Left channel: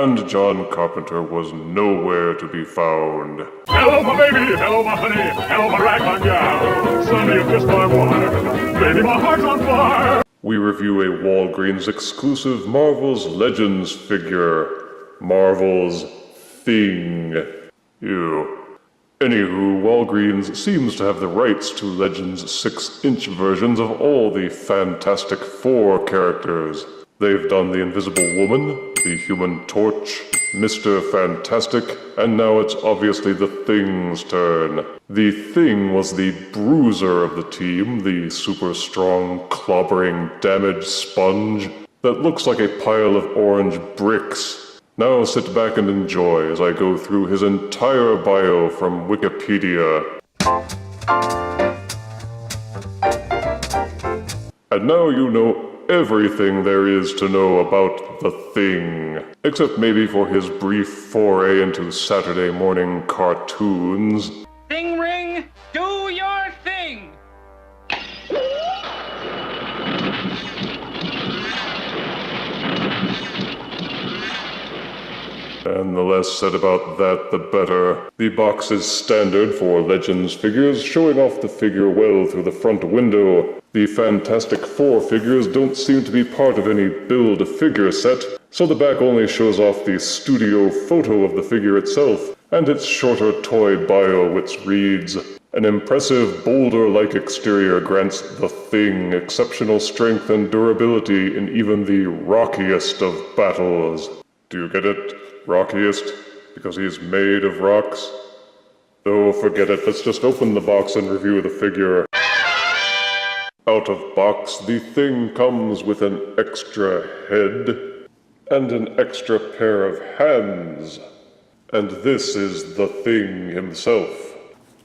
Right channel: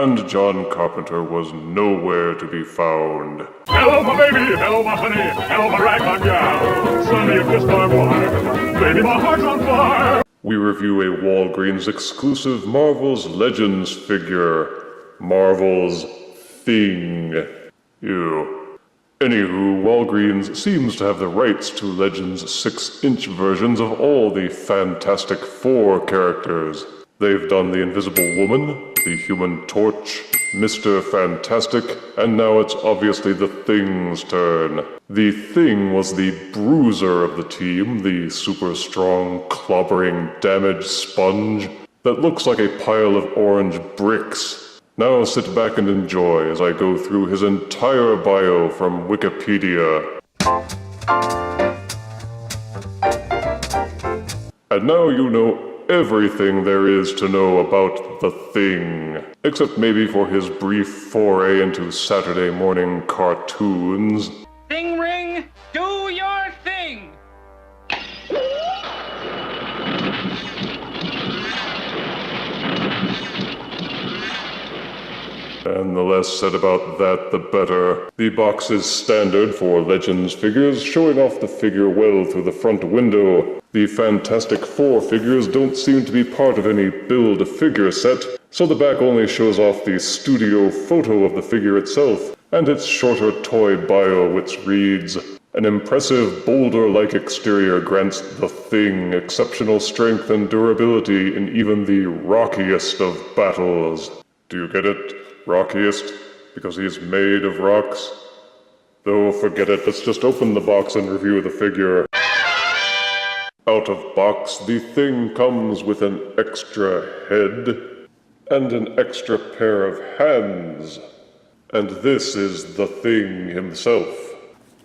and John Carpenter was nowhere to be found. Hello, my baby! Hello, my honey! Hello, my ragtime gal! Suddenly you kissed my wire! Baby, my heart's on fire! We review a Walgreens exclusive Marvel's Legends figure. Marvel's Thing. Anywho, Walgreens seems to have the rights to Legends 6-inch versions of all the Fantastic Four characters. They've done the Invisible Woman, the Human Torch, Mr. Fantastic, and now it's obviously the Thing's turn. The Thing was the bruiser of the team, the super strong, clobbering damage sponge that looks like a pile of orange bricks. Now sit back and enjoy as I go through his entire bio from Wikipedia. And now you know everything there is to know about the Thing. Except maybe for his brief foray into Saturday morning cartoons. Thing ring, do your thing! And the less said about that, the better. The box is standard for Legends figures, showing off the figure well through the front window. The Fantastic Four figures don't seem to be part of any Build-A-Figure set, so the back only shows off the studio photo of the figure itself, and its shorter toy bio which reads, "An impressive boulder-like exterior grants the Thing exceptional strength and durability in even the rockiest of battles." Do you get it? Rockiest? Because he's made of rocks? Oh, forget it. Let's just open the box and review the figure. Out of box, the Thing comes with an extra head and an extra pair of hands. And this is the Thing himself.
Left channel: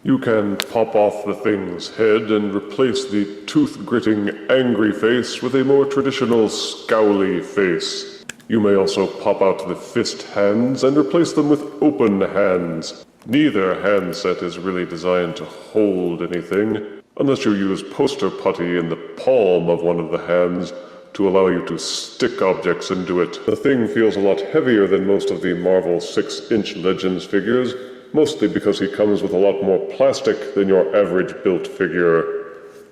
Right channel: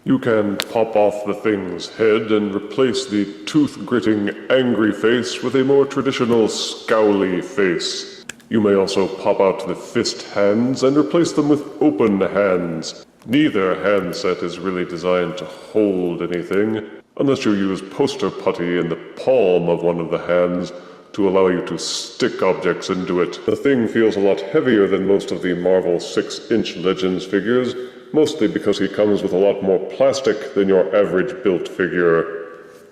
You can pop off the Thing's head and replace the tooth-gritting angry face with a more traditional scowly face. You may also pop out the fist hands and replace them with open hands. Neither hand set is really designed to hold anything, unless you use poster putty in the palm of one of the hands to allow you to stick objects into it. The Thing feels a lot heavier than most of the Marvel 6-inch Legends figures, mostly because he comes with a lot more plastic than your average built figure.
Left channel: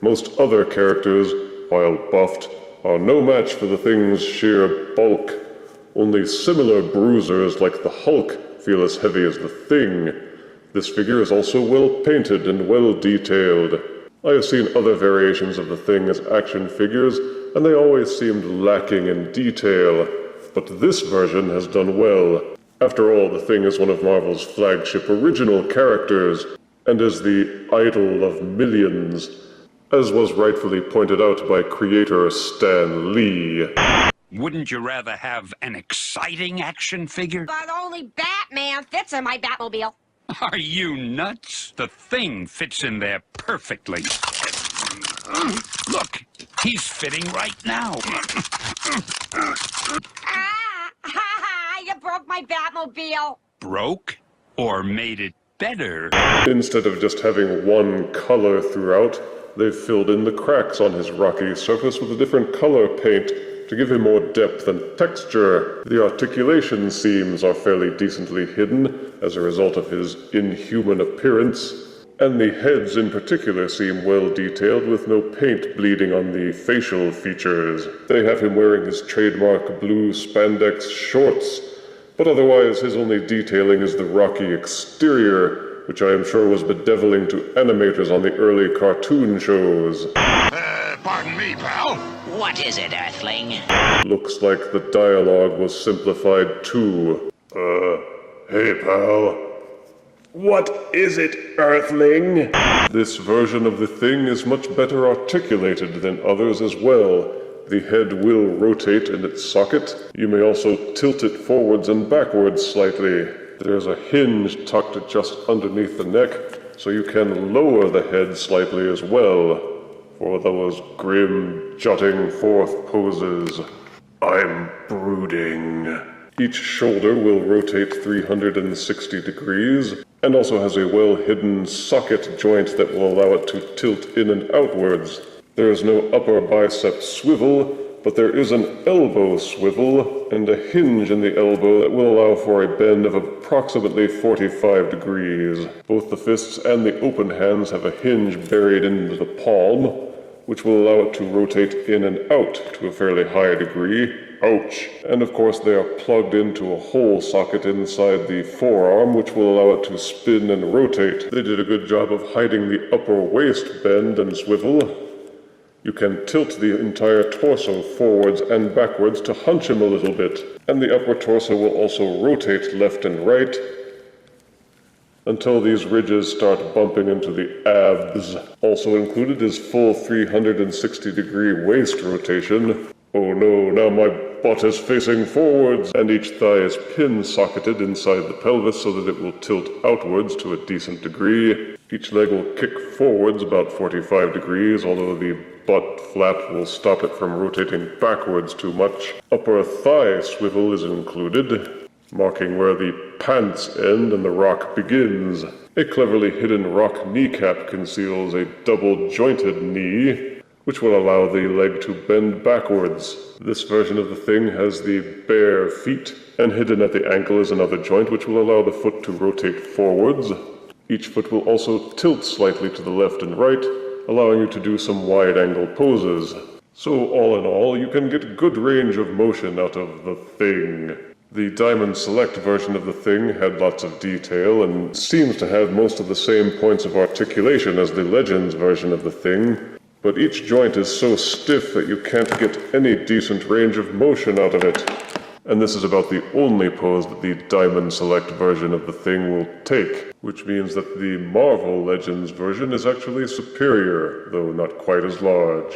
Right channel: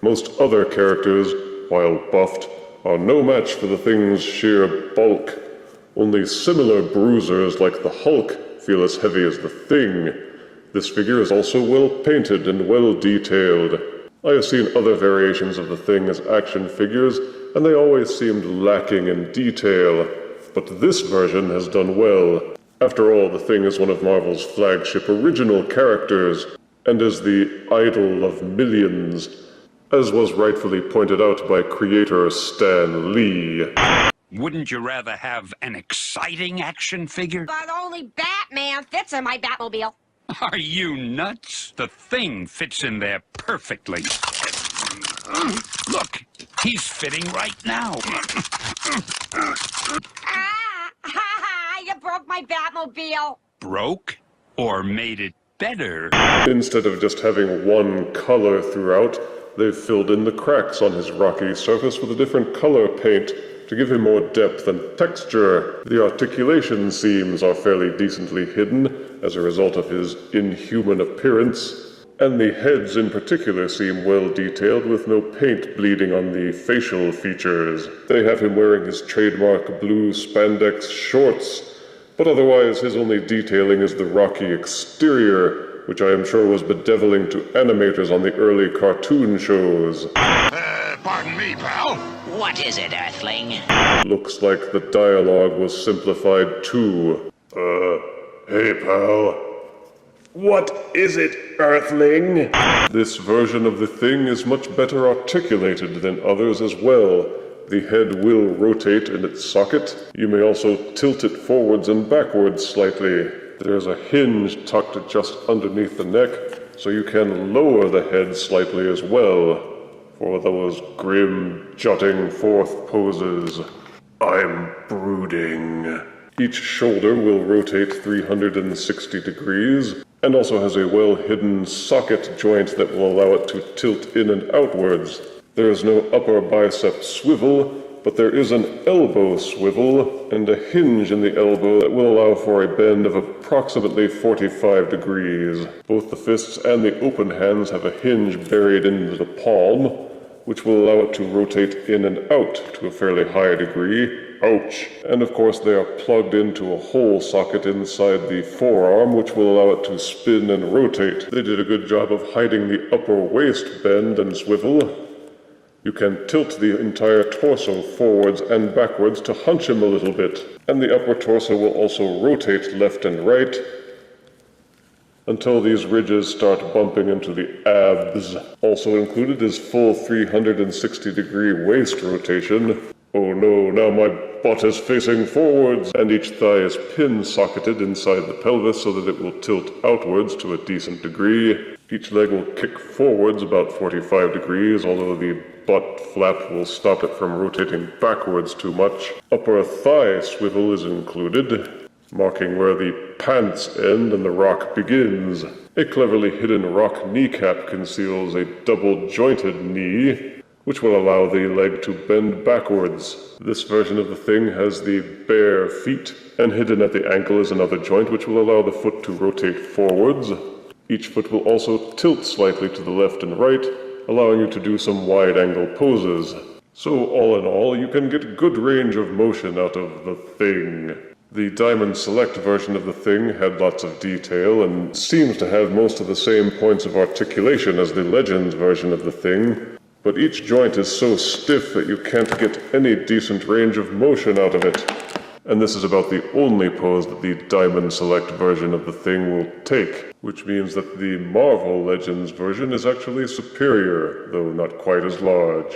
Most other characters, while buffed, are no match for the Thing's sheer bulk. Only similar bruisers like the Hulk feel as heavy as the Thing. This figure is also well painted and well detailed. I have seen other variations of the Thing as action figures, and they always seemed lacking in detail. But this version has done well. After all, the Thing is one of Marvel's flagship original characters, and is the idol of millions, as was rightfully pointed out by creator Stan Lee. Wouldn't you rather have an exciting action figure? But only Batman fits in my Batmobile. Are you nuts? The Thing fits in there perfectly. Look, he's fitting right now. You broke my Batmobile. Broke? Or made it better? Instead of just having one color throughout, they've filled in the cracks on his rocky surface with a different color paint to give him more depth and texture. The articulation seams are fairly decently hidden as a result of his inhuman appearance, and the heads in particular seem well detailed with no paint bleeding on the facial features. They have him wearing his trademark blue spandex shorts, but otherwise his only detailing is the rocky exterior, which I am sure was bedeviling to animators on the early cartoon shows. Pardon me, pal. What is it, Earthling? Looks like the dialogue was simplified too. Hey pal. What is it, Earthling? This version of the Thing is much better articulated than others as well. The head will rotate in its socket. You may also tilt it forwards and backwards slightly. There's a hinge tucked just underneath the neck, so you can lower the head slightly as well, for those grim, jutting forth poses. I'm brooding. Each shoulder will rotate 360 degrees, and also has a well-hidden socket joint that will allow it to tilt in and outwards. There is no upper bicep swivel, but there is an elbow swivel and a hinge in the elbow that will allow for a bend of approximately 45 degrees. Both the fists and the open hands have a hinge buried into the palm, which will allow it to rotate in and out to a fairly high degree. Ouch! And of course they are plugged into a hole socket inside the forearm, which will allow it to spin and rotate. They did a good job of hiding the upper waist bend and swivel. You can tilt the entire torso forwards and backwards to hunch him a little bit, and the upper torso will also rotate left and right until these ridges start bumping into the abs. Also included is full 360-degree waist rotation. Oh no, now my butt is facing forwards, and each thigh is pin-socketed inside the pelvis so that it will tilt outwards to a decent degree. Each leg will kick forwards about 45 degrees, although the butt flap will stop it from rotating backwards too much. Upper thigh swivel is included, marking where the pants end and the rock begins. A cleverly hidden rock kneecap conceals a double-jointed knee, which will allow the leg to bend backwards. This version of the thing has the bare feet, and hidden at the ankle is another joint which will allow the foot to rotate forwards. Each foot will also tilt slightly to the left and right, allowing you to do some wide-angle poses. So all in all, you can get good range of motion out of the thing. The Diamond Select version of the thing had lots of detail and seems to have most of the same points of articulation as the Legends version of the thing, but each joint is so stiff that you can't get any decent range of motion out of it. And this is about the only pose that the Diamond Select version of the thing will take, which means that the Marvel Legends version is actually superior, though not quite as large.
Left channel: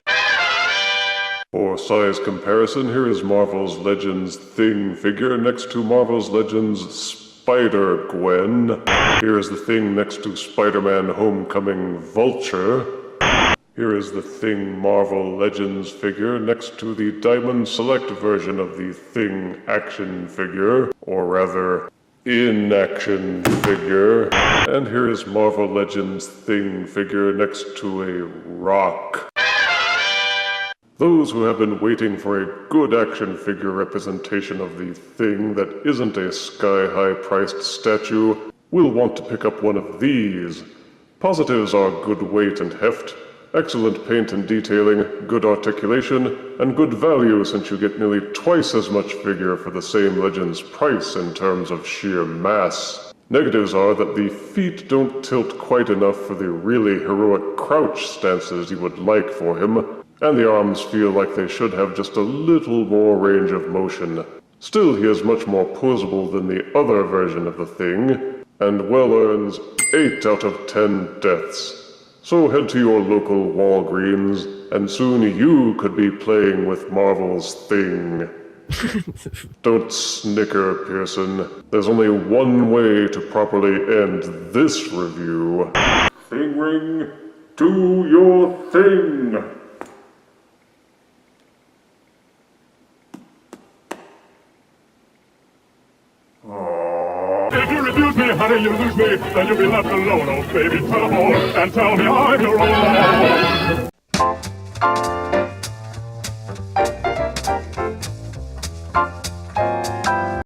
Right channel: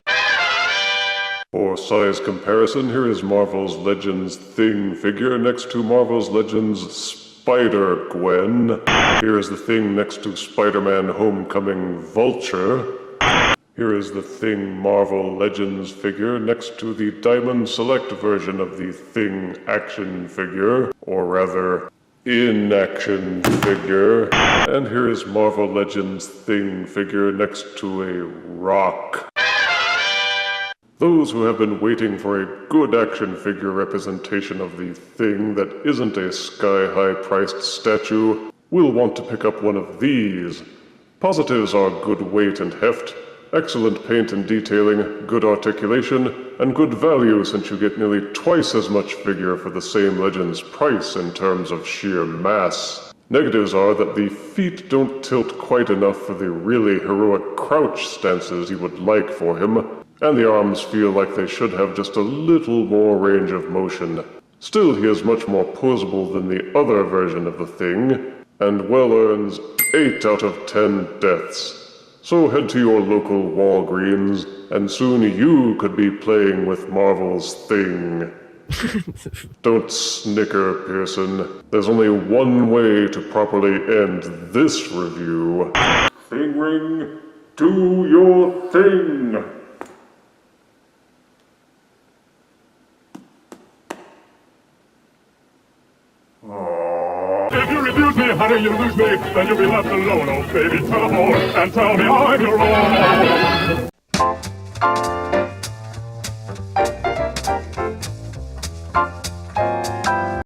For size comparison, here is Marvel's Legends Thing figure next to Marvel's Legends Spider-Gwen. Here is the Thing next to Spider-Man Homecoming Vulture. Here is the Thing Marvel Legends figure next to the Diamond Select version of the Thing action figure, or rather, in-action figure. And here is Marvel Legends Thing figure next to a rock. Those who have been waiting for a good action figure representation of the Thing that isn't a sky-high priced statue will want to pick up one of these. Positives are good weight and heft, excellent paint and detailing, good articulation, and good value since you get nearly twice as much figure for the same Legends price in terms of sheer mass. Negatives are that the feet don't tilt quite enough for the really heroic crouch stances you would like for him, and the arms feel like they should have just a little more range of motion. Still, he is much more posable than the other version of the Thing, and well earns 8 out of 10 deaths. So head to your local Walgreens, and soon you could be playing with Marvel's Thing. Don't snicker, Pearson. There's only one way to properly end this review. Thing ring, do your thing! If you refuse me, honey, you lose me. Then you'll be left alone, oh baby. Tell all and tell me I'm your own.